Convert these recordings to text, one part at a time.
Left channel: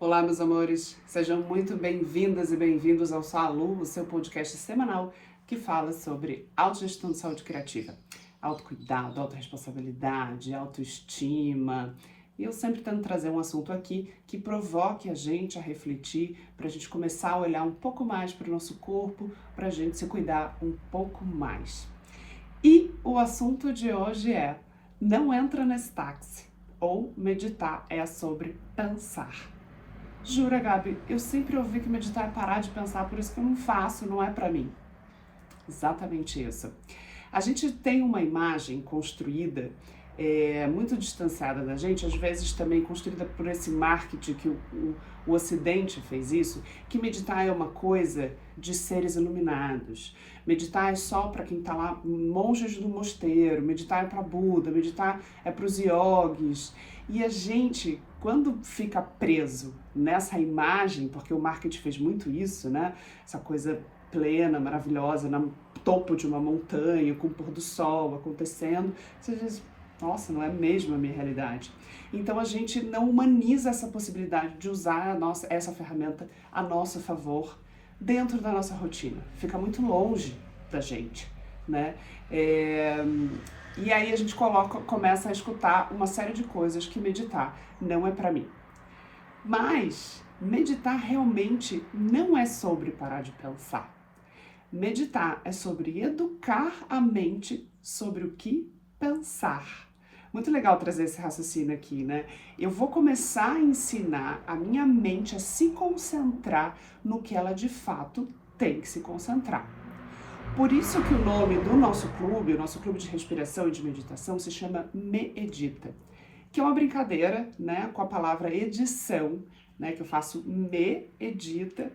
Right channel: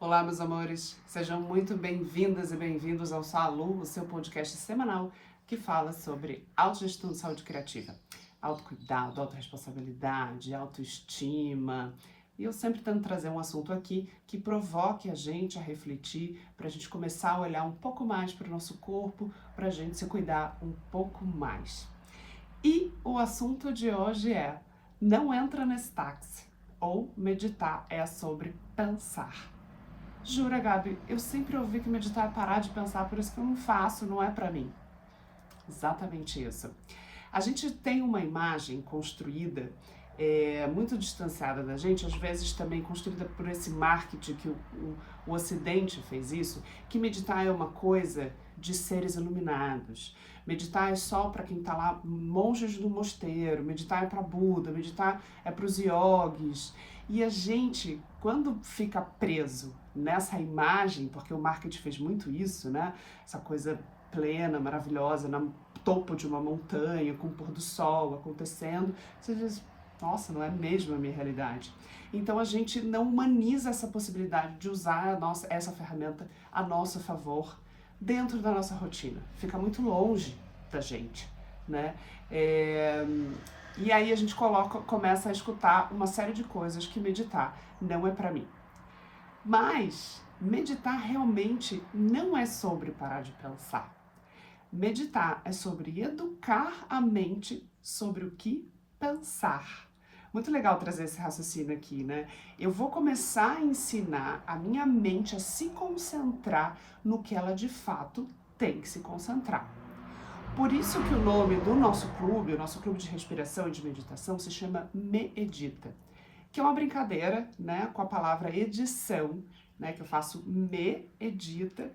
Olá, meus amores, sejam muito bem-vindas e bem-vindos ao Salu, o seu podcast semanal que fala sobre autogestão de saúde criativa, autocuidado, autorresponsabilidade, autoestima. E eu sempre tento trazer um assunto aqui que provoque a gente a refletir, para a gente começar a olhar um pouco mais para o nosso corpo, para a gente se cuidar um pouco mais. E o assunto de hoje é: não entra nesse táxi, ou meditar é sobre pensar. Jura, Gabi, eu sempre ouvi que meditar é parar de pensar, por isso que eu não faço, não é pra mim. Exatamente isso. A gente tem uma imagem construída muito distanciada da gente, às vezes também construída por esse marketing que o Ocidente fez isso, que meditar é uma coisa de seres iluminados. Meditar é só para quem está lá, monges do mosteiro, meditar é para Buda, meditar é para os yogis. E a gente, quando fica preso nessa imagem, porque o marketing fez muito isso, né? Essa coisa plena, maravilhosa, no topo de uma montanha, com o pôr do sol acontecendo, você diz, nossa, não é mesmo a minha realidade. Então a gente não humaniza essa possibilidade de usar essa ferramenta a nosso favor dentro da nossa rotina. Fica muito longe da gente, né? E aí a gente começa a escutar uma série de coisas que meditar não é para mim. Mas meditar realmente não é sobre parar de pensar. Meditar é sobre educar a mente sobre o que pensar. Muito legal trazer esse raciocínio aqui, né? Eu vou começar a ensinar a minha mente a se concentrar no que ela de fato tem que se concentrar. Por isso que o nome do nosso clube, o nosso clube de respiração e de meditação, se chama Medita, que é uma brincadeira, né, com a palavra edição, né, que eu faço medita,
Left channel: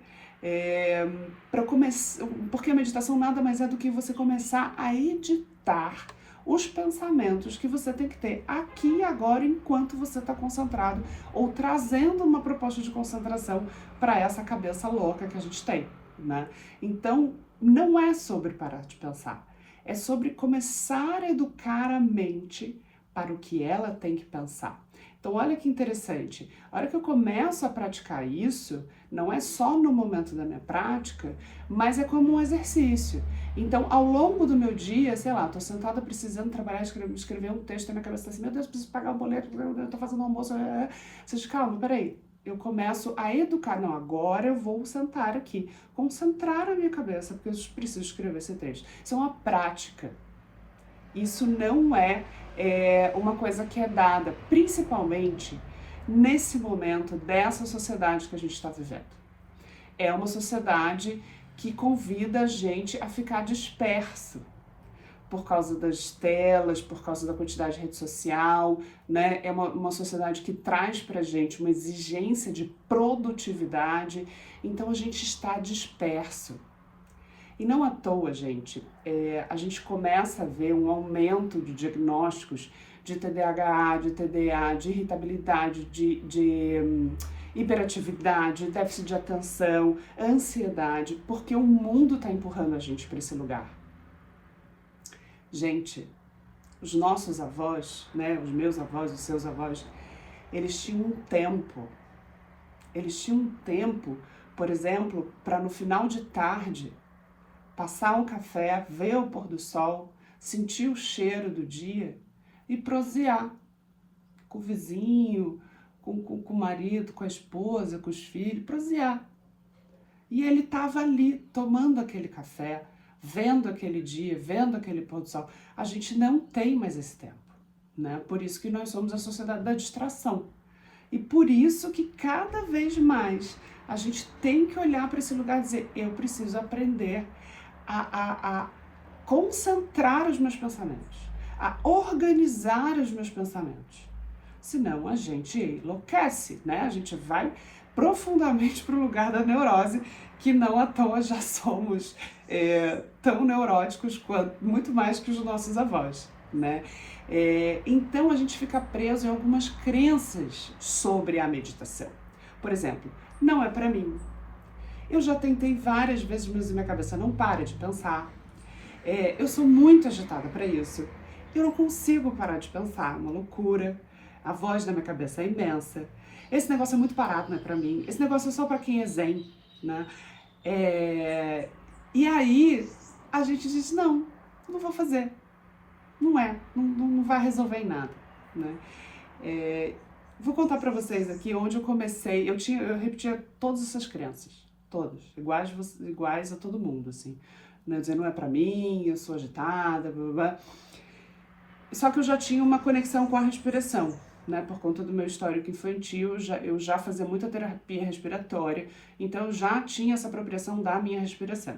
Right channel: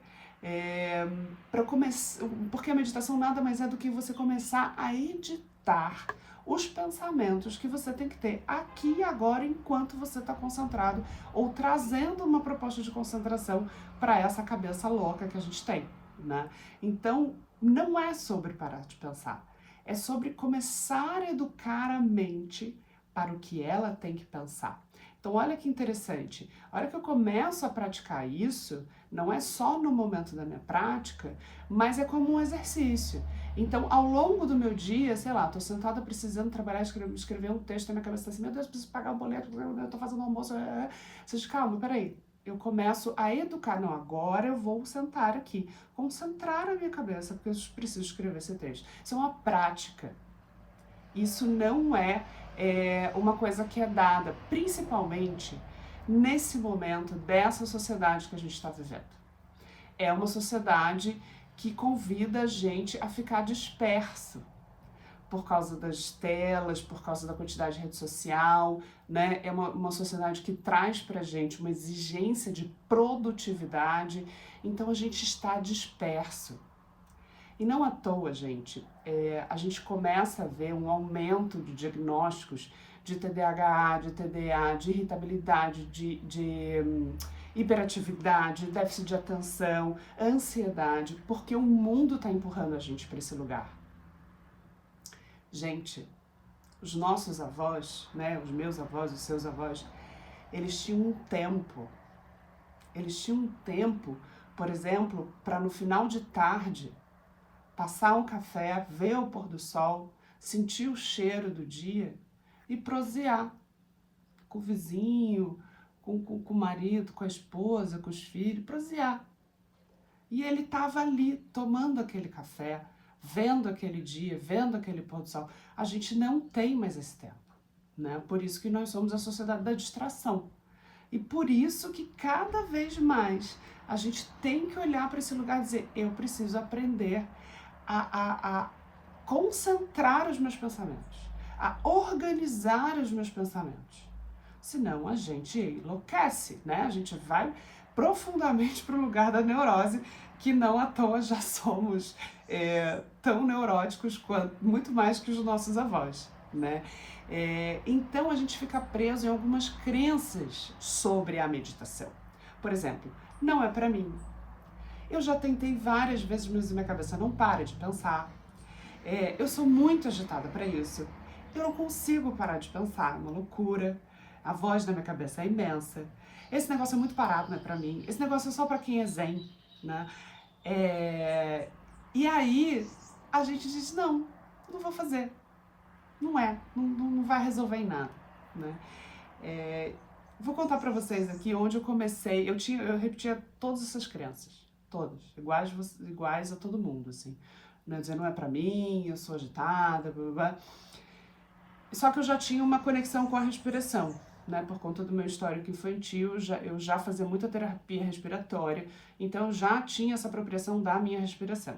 para começar, porque a meditação nada mais é do que você começar a editar os pensamentos que você tem que ter aqui e agora enquanto você está concentrado ou trazendo uma proposta de concentração para essa cabeça louca que a gente tem, né? Então, não é sobre parar de pensar, é sobre começar a educar a mente para o que ela tem que pensar. Então, olha que interessante, a hora que eu começo a praticar isso, não é só no momento da minha prática, mas é como um exercício. Então, ao longo do meu dia, sei lá, tô sentada precisando trabalhar, escrever um texto, na minha cabeça tá assim, meu Deus, preciso pagar o boleto, eu tô fazendo almoço, Você diz, calma, peraí, eu começo a educar, não, agora eu vou sentar aqui, concentrar a minha cabeça, porque eu preciso escrever esse texto. Isso é uma prática. Isso não é uma coisa que é dada, principalmente nesse momento dessa sociedade que a gente está vivendo. É uma sociedade que convida a gente a ficar disperso por causa das telas, por causa da quantidade de rede social, né? É uma sociedade que traz pra gente uma exigência de produtividade, então a gente está disperso. E não à toa, gente, a gente começa a ver um aumento de diagnósticos de TDAH, de TDA, de irritabilidade, de hiperatividade, déficit de atenção, ansiedade, porque o mundo está empurrando a gente para esse lugar. Gente, os nossos avós, né, os meus avós, os seus avós, eles tinham um tempo. Eles tinham um tempo, por exemplo, para no final de tarde passar um café, ver o pôr do sol, sentir o cheiro do dia e prosear com o vizinho, com o marido, com a esposa, com os filhos, prosear. E ele estava ali tomando aquele café, vendo aquele dia, vendo aquele pôr do sol. A gente não tem mais esse tempo, né? Por isso que nós somos a sociedade da distração. E por isso que cada vez mais a gente tem que olhar para esse lugar e dizer, eu preciso aprender a concentrar os meus pensamentos, a organizar os meus pensamentos. Senão a gente enlouquece, né? A gente vai profundamente para o lugar da neurose, que não à toa já somos tão neuróticos quanto, muito mais que os nossos avós, né? Então a gente fica preso em algumas crenças sobre a meditação. Por exemplo, não é para mim. Eu já tentei várias vezes, mas minha cabeça não para de pensar. Eu sou muito agitada para isso. Eu não consigo parar de pensar, é uma loucura. A voz da minha cabeça é imensa. esse negócio é muito parado, não é pra mim, esse negócio é só pra quem é zen, né? E aí a gente disse, não vou fazer, não vai resolver em nada, né? Vou contar pra vocês aqui onde eu comecei, eu repetia todas essas crenças, todas, iguais a todo mundo, assim, né? Dizer, não é pra mim, eu sou agitada, blá, blá, blá. Só que eu já tinha uma conexão com a respiração, né? Por conta do meu histórico infantil, eu já fazia muita terapia respiratória, então eu já tinha essa apropriação da minha respiração.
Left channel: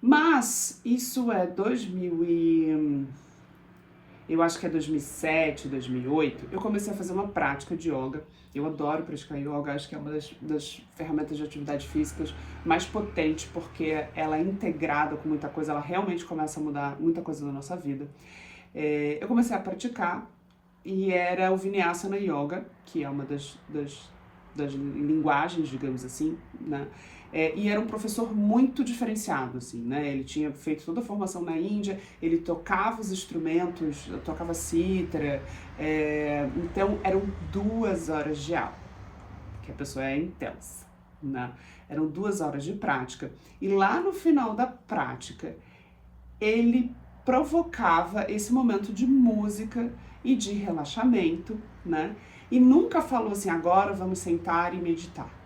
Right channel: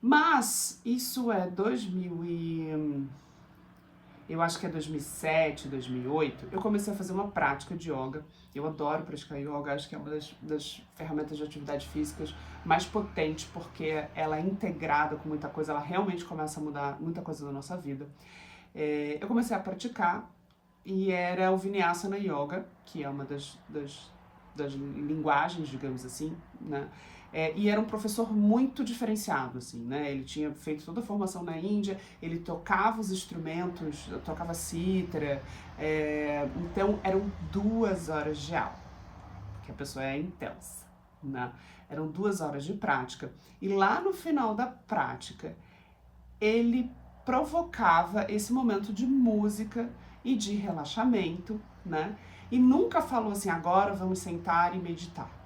Mas isso é eu acho que é 2007, 2008, eu comecei a fazer uma prática de yoga. Eu adoro praticar yoga, acho que é uma das ferramentas de atividade físicas mais potentes, porque ela é integrada com muita coisa, ela realmente começa a mudar muita coisa na nossa vida. Eu comecei a praticar e era o Vinyasana Yoga, que é uma das linguagens, digamos assim, né? E era um professor muito diferenciado, assim, né? Ele tinha feito toda a formação na Índia, ele tocava os instrumentos, tocava cítara, então eram 2 horas de aula, porque a pessoa é intensa, né? Eram 2 horas de prática. E lá no final da prática, ele provocava esse momento de música e de relaxamento, né? E nunca falou assim, agora vamos sentar e meditar.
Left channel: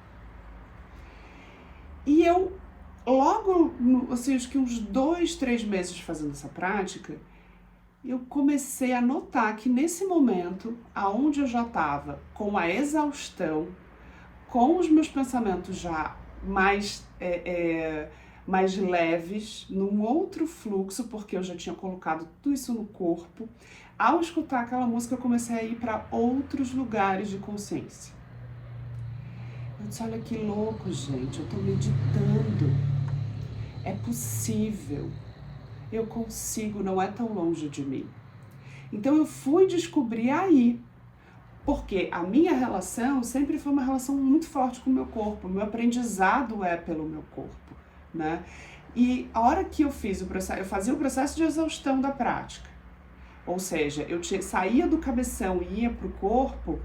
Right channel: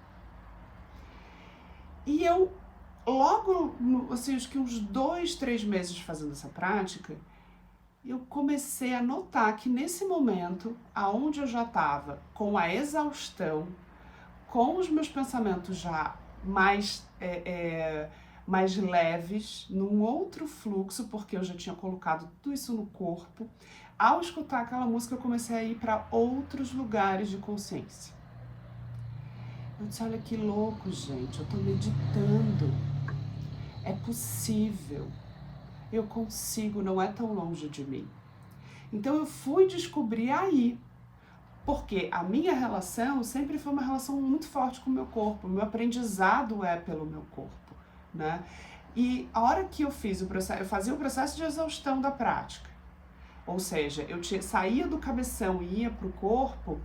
E eu, logo, assim, acho que uns 2, 3 meses fazendo essa prática, eu comecei a notar que nesse momento, aonde eu já estava com a exaustão, com os meus pensamentos já mais leves, num outro fluxo, porque eu já tinha colocado tudo isso no corpo, ao escutar aquela música eu comecei a ir para outros lugares de consciência. Eu disse, olha que louco, gente, eu tô meditando, é possível, eu consigo, não é tão longe de mim. Então eu fui descobrir aí, porque a minha relação sempre foi uma relação muito forte com o meu corpo, o meu aprendizado é pelo meu corpo, né? E a hora que eu fiz o processo, eu fazia o processo de exaustão da prática, ou seja, eu saía do cabeção e ia para o corpo,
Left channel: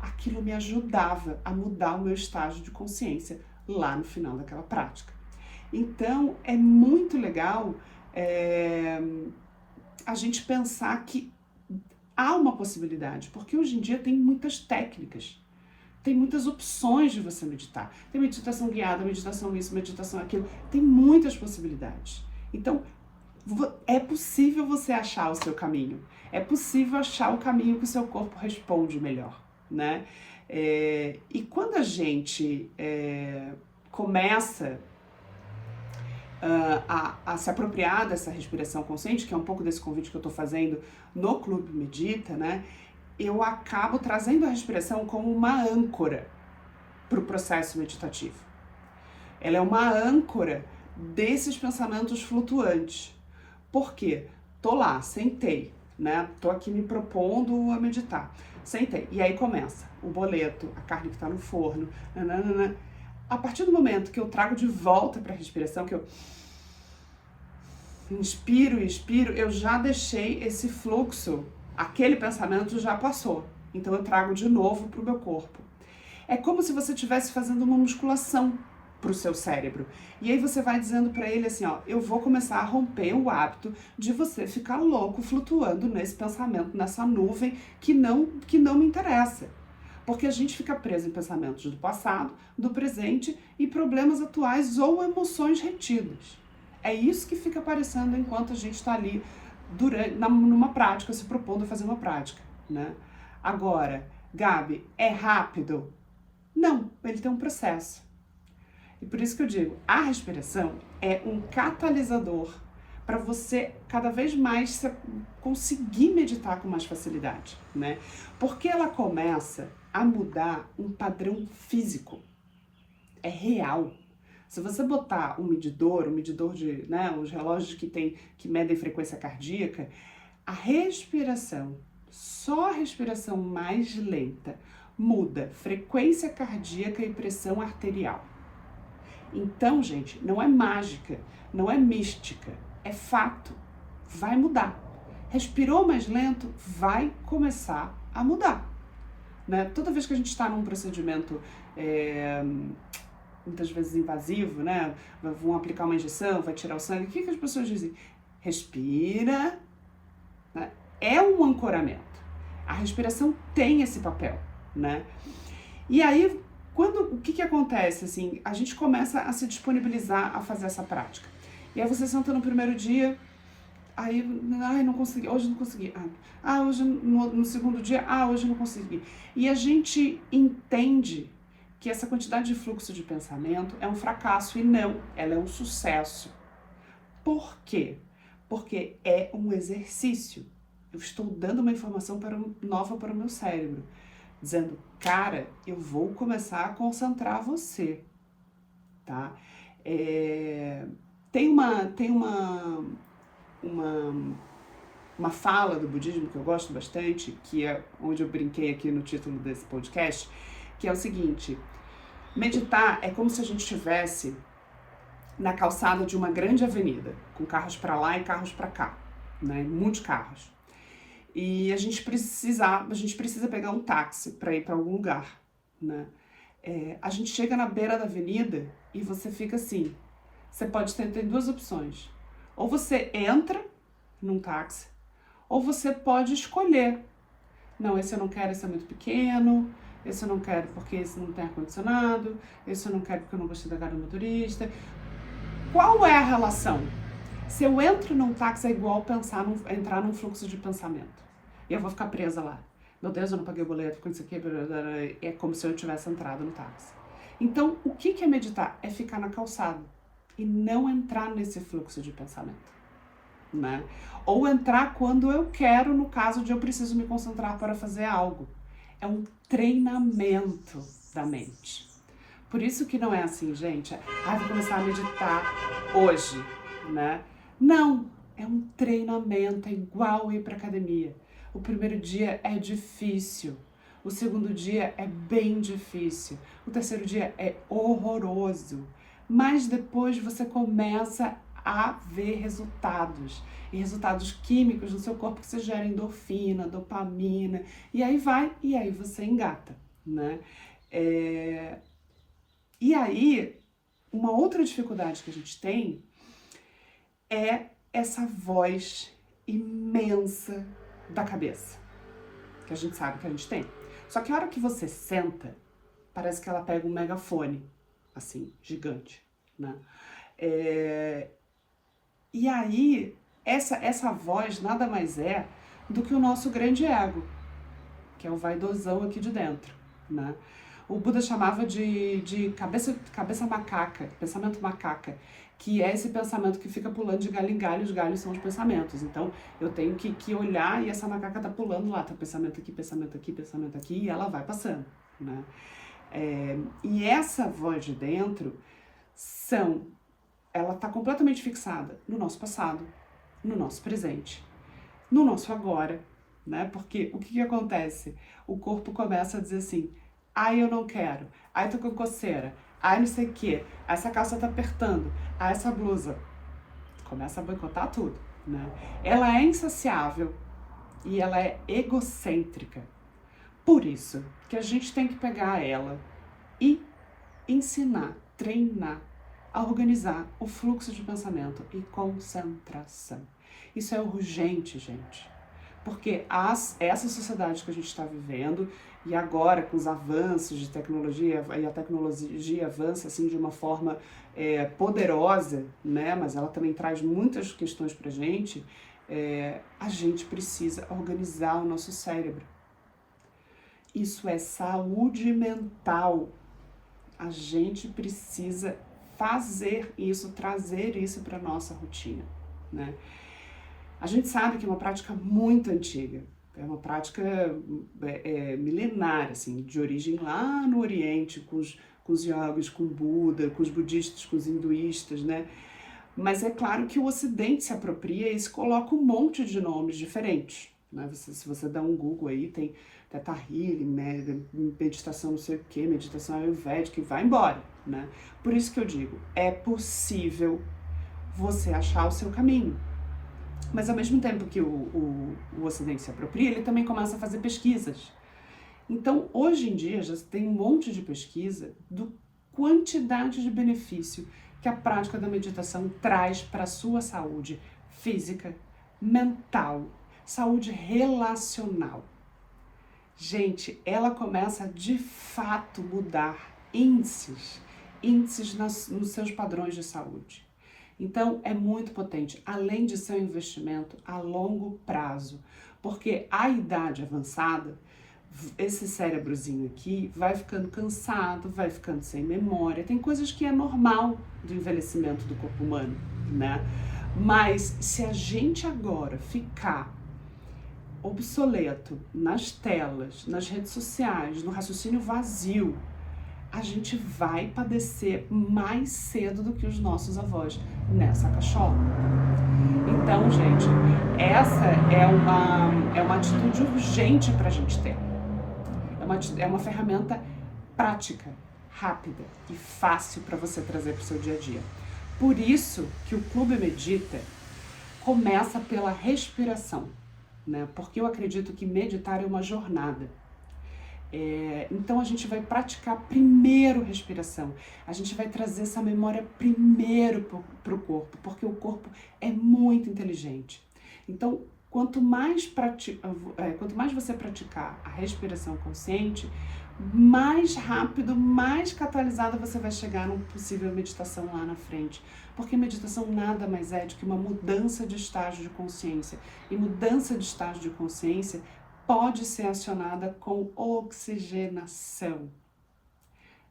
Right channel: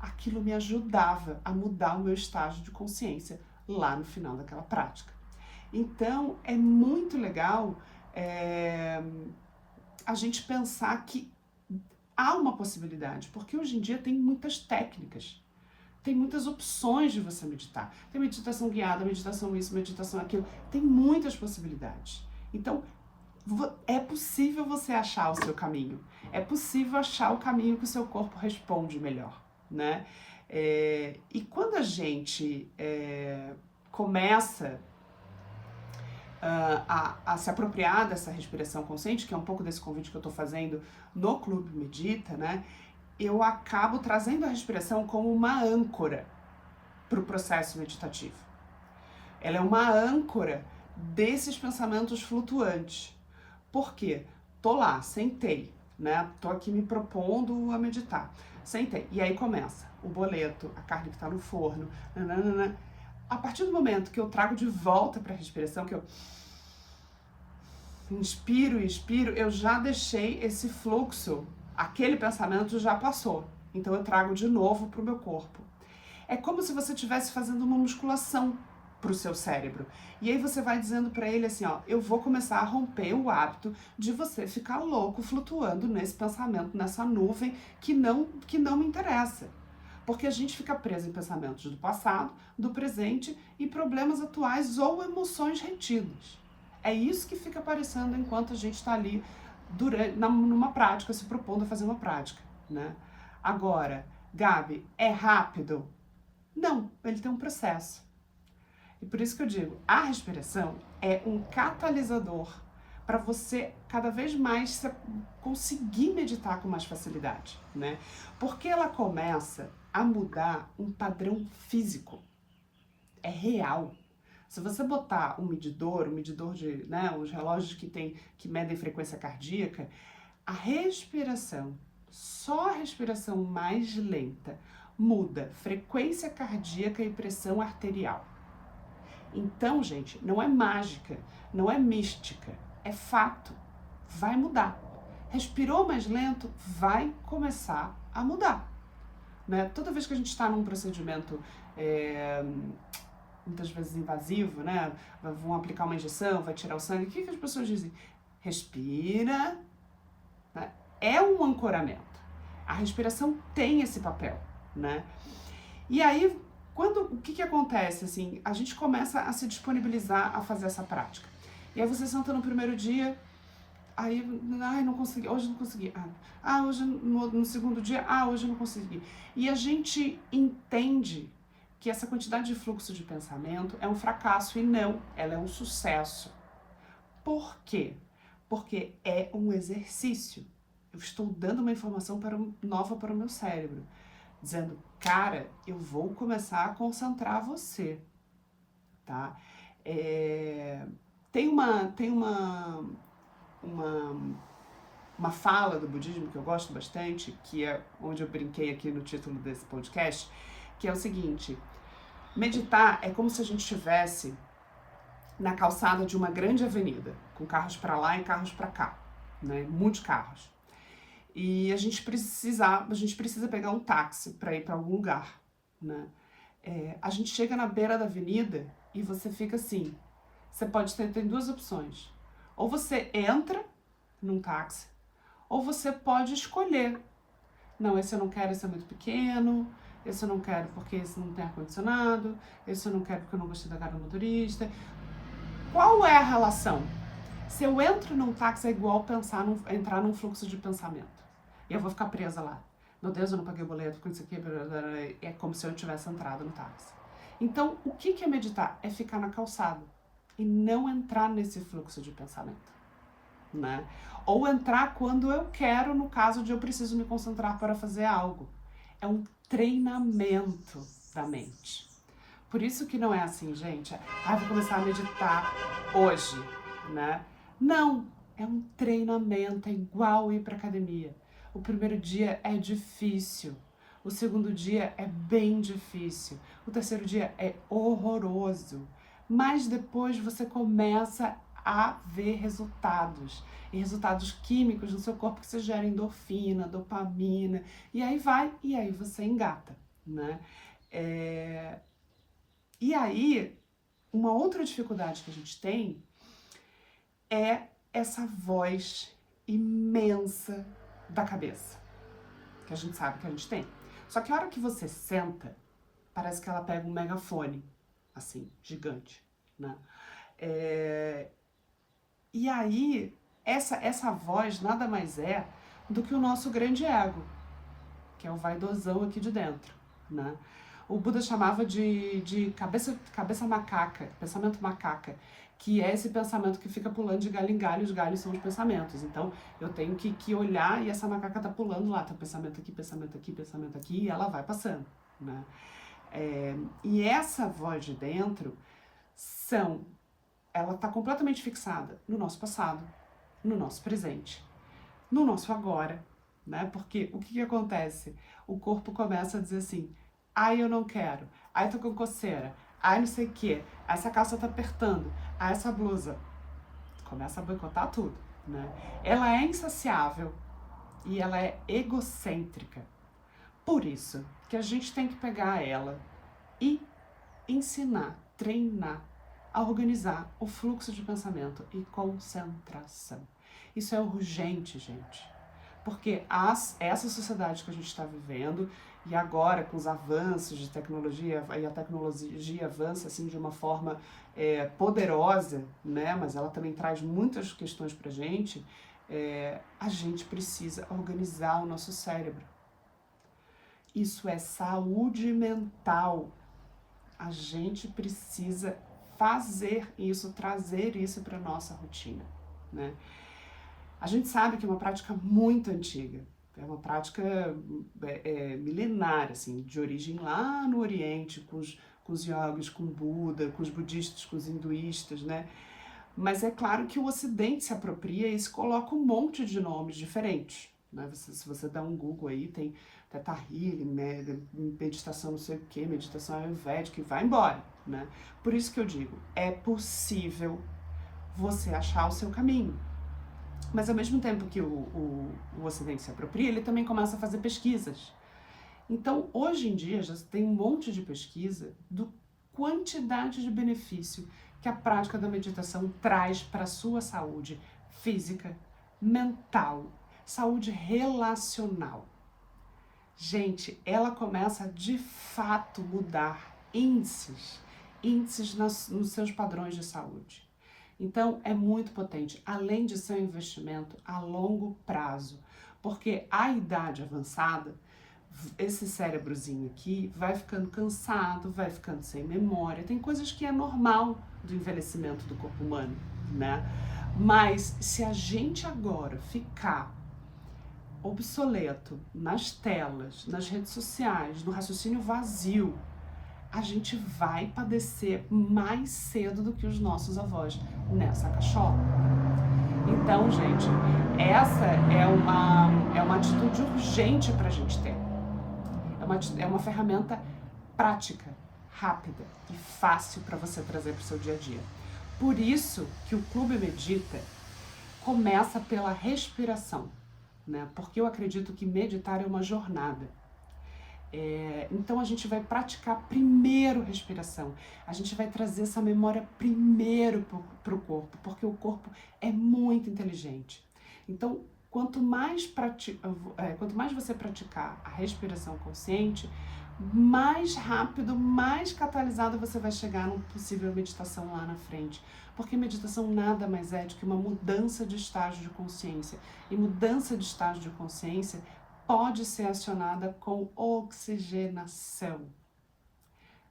aquilo me ajudava a mudar o meu estágio de consciência lá no final daquela prática. Então, é muito legal a gente pensar que há uma possibilidade, porque hoje em dia tem muitas técnicas, tem muitas opções de você meditar. Tem meditação guiada, meditação isso, meditação aquilo, tem muitas possibilidades. Então, é possível você achar o seu caminho, é possível achar o caminho que o seu corpo responde melhor, né? E quando a gente começa a se apropriar dessa respiração consciente, que é um pouco desse convite que eu estou fazendo no Clube Medita, né? Eu acabo trazendo a respiração como uma âncora para o processo meditativo. Ela é uma âncora desses pensamentos flutuantes. Por quê? Tô lá, sentei, né? Tô aqui me propondo a meditar. Sentei. E aí começa o boleto, a carne que tá no forno, nananana. A partir do momento que eu trago de volta para a respiração, que eu inspiro e expiro, eu já deixei esse fluxo, aquele pensamento já passou. Então eu trago de novo para o meu corpo. É como se você estivesse fazendo uma musculação para o seu cérebro. E aí você vai dizendo para ele assim, ó, eu vou começar a romper o hábito de você ficar louco flutuando nesse pensamento, nessa nuvem que não me interessa. Porque a gente fica preso em pensamentos do passado, do presente e problemas atuais ou emoções retidas. É isso que fica aparecendo enquanto a gente está ali numa prática, se propondo a fazer uma prática, né? Agora, Gabi, é rápido? Não, ele tem um processo. E por isso que eu digo, a respiração é um catalisador para você cada vez mais conseguir meditar com mais facilidade, né? Porque ela começa a mudar um padrão físico. É real. Se você botar um medidor de, né, os relógios que medem frequência cardíaca, a respiração, só a respiração mais lenta, muda frequência cardíaca e pressão arterial. Então, gente, não é mágica, não é mística, é fato. Vai mudar. Respirou mais lento, vai começar a mudar. né? Toda vez que a gente está num procedimento muitas vezes invasivo, né? Vão aplicar uma injeção, vai tirar o sangue, o que as pessoas dizem? Respira, né? É um ancoramento. A respiração tem esse papel, né? E aí, o que acontece, assim, a gente começa a se disponibilizar a fazer essa prática. E aí você senta no primeiro dia, aí, não consegui, hoje não consegui. Hoje no segundo dia, hoje não consegui. E a gente entende que essa quantidade de fluxo de pensamento é um fracasso, e não, ela é um sucesso. Por quê? Porque é um exercício. Eu estou dando uma informação nova para o meu cérebro, dizendo, cara, eu vou começar a concentrar você, tá? Tem uma fala do budismo que eu gosto bastante, que é onde eu brinquei aqui no título desse podcast, que é o seguinte: meditar é como se a gente estivesse na calçada de uma grande avenida, com carros para lá e carros para cá, né? Muitos carros. E a gente precisa pegar um táxi para ir para algum lugar, né? A gente chega na beira da avenida e você fica assim, você pode ter duas opções. Ou você entra num táxi, ou você pode escolher. Não, esse eu não quero, esse é muito pequeno, esse eu não quero porque esse não tem ar-condicionado, esse eu não quero porque eu não gostei da cara do motorista. Qual é a relação? Se eu entro num táxi é igual entrar num fluxo de pensamento. E eu vou ficar presa lá. Meu Deus, eu não paguei o boleto, com isso aqui, é como se eu tivesse entrado no táxi. Então, o que é meditar? É ficar na calçada e não entrar nesse fluxo de pensamento, né? Ou entrar quando eu quero, no caso de eu preciso me concentrar para fazer algo. É um treinamento da mente. Por isso que não é assim, gente, vou começar a meditar hoje, né? Não, é um treinamento, é igual ir para academia. O primeiro dia é difícil, o segundo dia é bem difícil, o terceiro dia é horroroso, mas depois você começa a ver resultados, e resultados químicos no seu corpo que você gera endorfina, dopamina, e aí você engata, né? E aí, uma outra dificuldade que a gente tem é essa voz imensa da cabeça, que a gente sabe que a gente tem. Só que a hora que você senta, parece que ela pega um megafone, assim, gigante, né? E aí, essa voz nada mais é do que o nosso grande ego, que é o vaidosão aqui de dentro, né? O Buda chamava de cabeça macaca, pensamento macaca, que é esse pensamento que fica pulando de galho em galho, os galhos são os pensamentos. Então, eu tenho que olhar e essa macaca tá pulando lá, tá pensamento aqui, e ela vai passando, né? E essa voz de dentro ela tá completamente fixada no nosso passado, no nosso presente, no nosso agora, né? Porque o que acontece? O corpo começa a dizer assim, eu não quero, tô com coceira, não sei o quê, essa calça tá apertando, essa blusa. Começa a boicotar tudo, né? Ela é insaciável e ela é egocêntrica. Por isso que a gente tem que pegar ela e ensinar, treinar a organizar o fluxo de pensamento e concentração. Isso é urgente, gente. Porque essa sociedade que a gente está vivendo, e agora com os avanços de tecnologia, e a tecnologia avança assim de uma forma poderosa, né? Mas ela também traz muitas questões pra gente, a gente precisa organizar o nosso cérebro. Isso é saúde mental. A gente precisa fazer isso, trazer isso para nossa rotina, né? A gente sabe que é uma prática muito antiga, é uma prática milenar, assim, de origem lá no Oriente, com os yogis, com o Buda, com os budistas, com os hinduístas, né? Mas é claro que o Ocidente se apropria e se coloca um monte de nomes diferentes, né? Se você dá um Google aí, tem Theta Healing, meditação não sei o que, meditação ayurvédica, e vai embora, né? Por isso que eu digo, é possível você achar o seu caminho. Mas ao mesmo tempo que o Ocidente se apropria, ele também começa a fazer pesquisas. Então, hoje em dia, já tem um monte de pesquisa do quantidade de benefício que a prática da meditação traz para a sua saúde física, mental, saúde relacional. Gente, ela começa a, de fato, mudar índices nos seus padrões de saúde. Então, é muito potente, além de ser um investimento a longo prazo, porque a idade avançada, esse cérebrozinho aqui vai ficando cansado, vai ficando sem memória. Tem coisas que é normal do envelhecimento do corpo humano, né? Mas se a gente agora ficar obsoleto nas telas, nas redes sociais, no raciocínio vazio, a gente vai padecer mais cedo do que os nossos avós nessa cachola. Então, gente, essa é uma atitude urgente para a gente ter. É uma ferramenta prática, rápida e fácil para você trazer para o seu dia a dia. Por isso que o Clube Medita começa pela respiração, né? Porque eu acredito que meditar é uma jornada. Então a gente vai praticar primeiro respiração, a gente vai trazer essa memória primeiro para o corpo, porque o corpo é muito inteligente. Então, quanto mais você praticar a respiração consciente, mais rápido, mais catalisada você vai chegar numa possível meditação lá na frente. Porque meditação nada mais é do que uma mudança de estágio de consciência. E mudança de estágio de consciência pode ser acionada com oxigenação.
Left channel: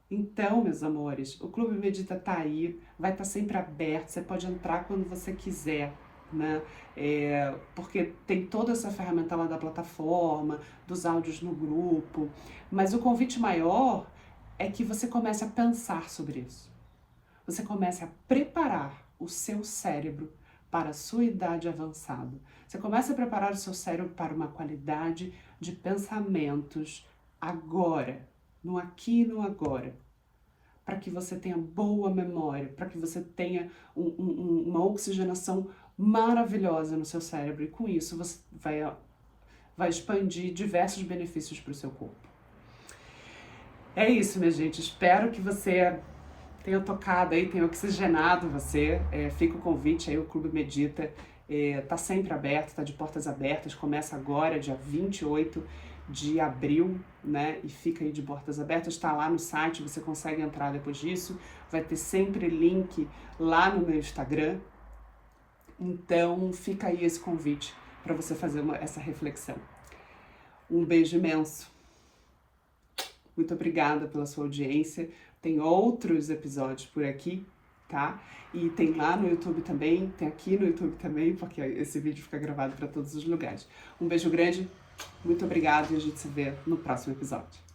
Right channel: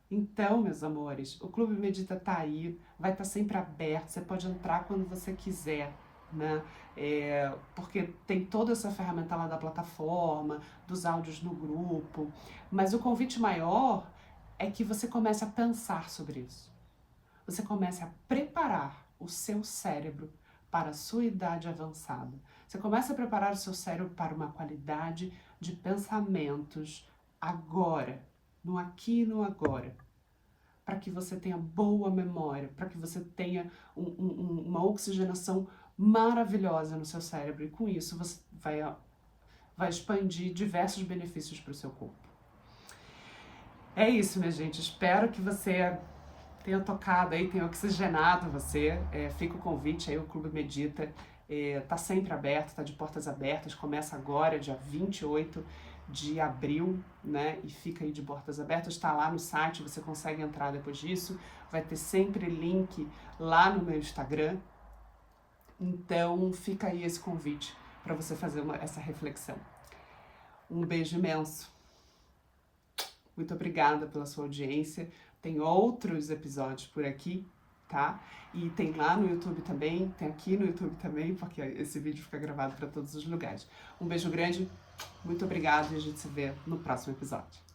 Então, meus amores, o Clube Medita tá aí, vai estar sempre aberto, você pode entrar quando você quiser, né? Porque tem toda essa ferramenta lá da plataforma, dos áudios no grupo, mas o convite maior é que você comece a pensar sobre isso. Você comece a preparar o seu cérebro para a sua idade avançada. Você começa a preparar o seu cérebro para uma qualidade de pensamentos agora, no aqui e no agora, para que você tenha boa memória, para que você tenha uma oxigenação maravilhosa no seu cérebro, e com isso você vai expandir diversos benefícios para o seu corpo. É isso, minha gente, espero que você tenha tocado aí, tenha oxigenado você. Fica o convite aí, o Clube Medita tá sempre aberto, tá de portas abertas, começa agora, dia 28 de abril, né, e fica aí de portas abertas, está lá no site, você consegue entrar depois disso, vai ter sempre link lá no meu Instagram, então fica aí esse convite para você fazer essa reflexão. Um beijo imenso, muito obrigada pela sua audiência, tem outros episódios por aqui, tá? E tem lá no YouTube também, tem aqui no YouTube também, porque esse vídeo fica gravado para todos os lugares. Um beijo grande, muito obrigado e a gente se vê no próximo episódio.